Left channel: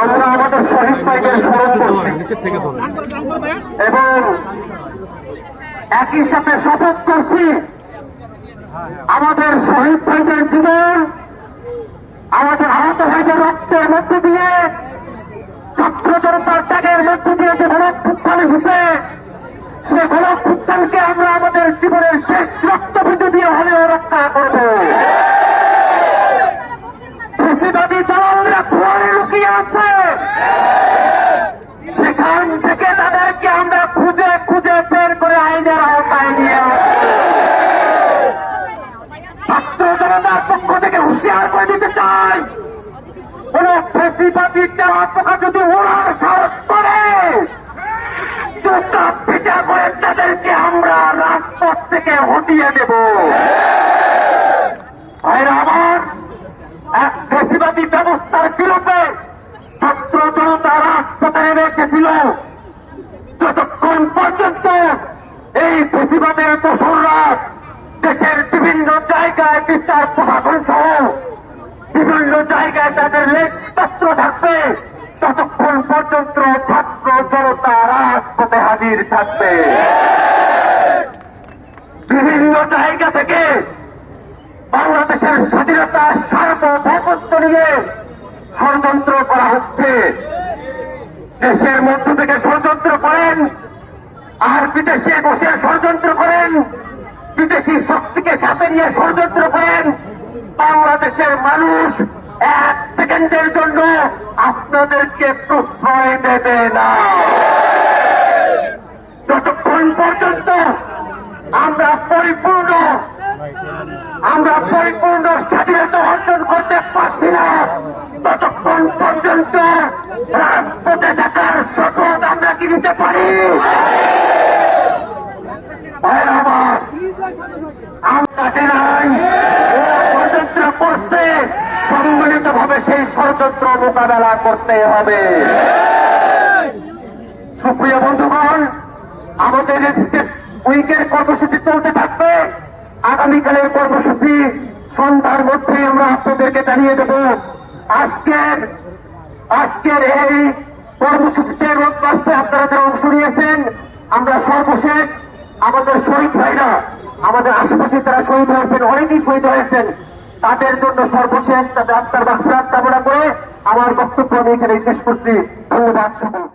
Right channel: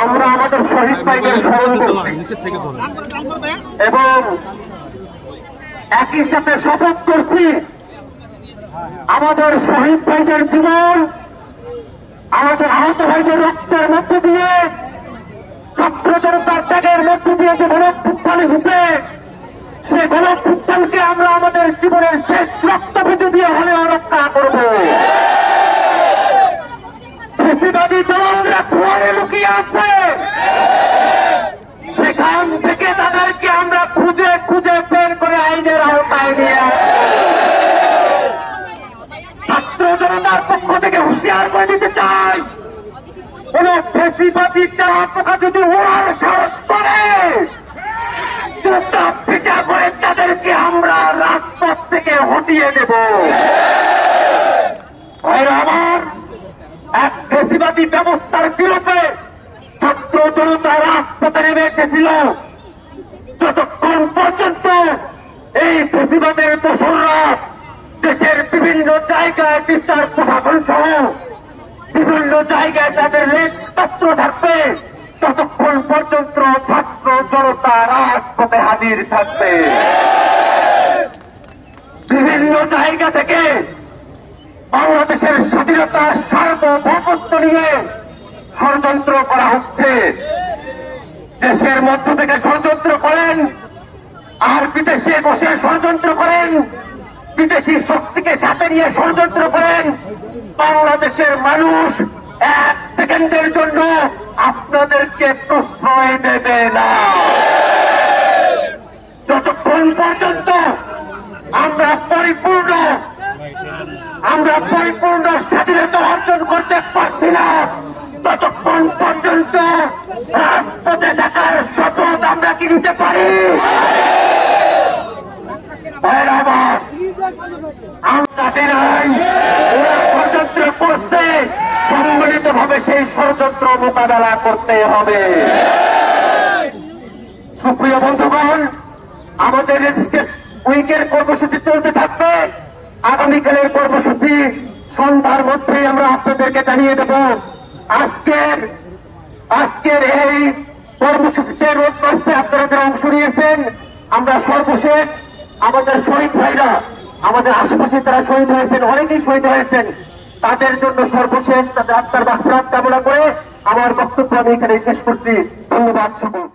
আমরা আমাদের শহীদ ভাইদের স্মরণ করছি। এবং একই সাথে শপথ করছি আমাদের শহীদ ভাইদের জীবন আমাদের আহত ভাইদের রক্তের মধ্য দিয়ে ছাত্র জনতার ত্যাগের মধ্য দিয়ে যে গণপুত্থান এসেছে সে গণপুত্থানকে আমরা আমাদের জীবনের শেষ রক্তবিন্দু দিয়ে হলেও রক্ষা করব। আছে। সেখান থেকে তাদেরকে আমরা খুঁজে খুঁজে বের করে আইনের আওতায় নিয়ে ছাত্র জনতার পক্ষ থেকে হুঁশিয়ার করে দিতে চাই। আমরা এক ফেসিবাদী ব্যবস্থার রাজপথে এসেছিল। যতক্ষণ পর্যন্ত এই দোসররা দেশের বিভিন্ন জায়গায় বিচার, প্রশাসন সহ বিভিন্ন জায়গায় তাদের লেশপত্র থাকবে, ততক্ষণ পর্যন্ত ছাত্র জনতা রাজপথে হাজির থাকবে। বিভিন্ন জায়গা থেকে বাংলাদেশের স্বাধীনতা সার্বভৌমত্ব নিয়ে ষড়যন্ত্র করা হচ্ছে। দেশের মধ্য থেকে ষড়যন্ত্র করেন আর বিদেশে বসে ষড়যন্ত্র করেন। বিদেশি শক্তিকে সাথে নিয়ে ষড়যন্ত্র করেন। বাংলাদেশের মানুষ এক সেকেন্ডের জন্য আপনাদেরকে প্রশ্রয় দেবে না। যতক্ষণ পর্যন্ত আমরা পরিপূর্ণ আমরা পরিপূর্ণ স্বাধীনতা অর্জন করতে পারছি না। ততক্ষণ পর্যন্ত রাজপথে থাকার শপথ আমরা কি নিতে পারি? ষড়যন্ত্র করছে সম্মিলিত ভাবে সেই ষড়যন্ত্র মোকাবেলা করতে হবে। সুপ্রিয় বন্ধুগণ, আমাদের উইকের কর্মসূচি চলতে আগামীকালের কর্মসূচি সন্ধ্যার মধ্যেই আমরা আপনাদেরকে জানিয়ে দেব। আজকের আজকের এই কর্মসূচিতে রোড মার্চে আপনারা যারা অংশ নিয়েছেন, আমরা সর্বশেষ আমাদের শহীদ ভাইরা, আমাদের আশেপাশে যারা শহীদ হয়েছেন, অনেকেই শহীদ হয়েছেন, তাদের জন্য সর্বশেষ তাদের আত্মার বাক্রাত কামনা করে আমার বক্তব্য আমি এখানে শেষ করছি। ধন্যবাদ সকল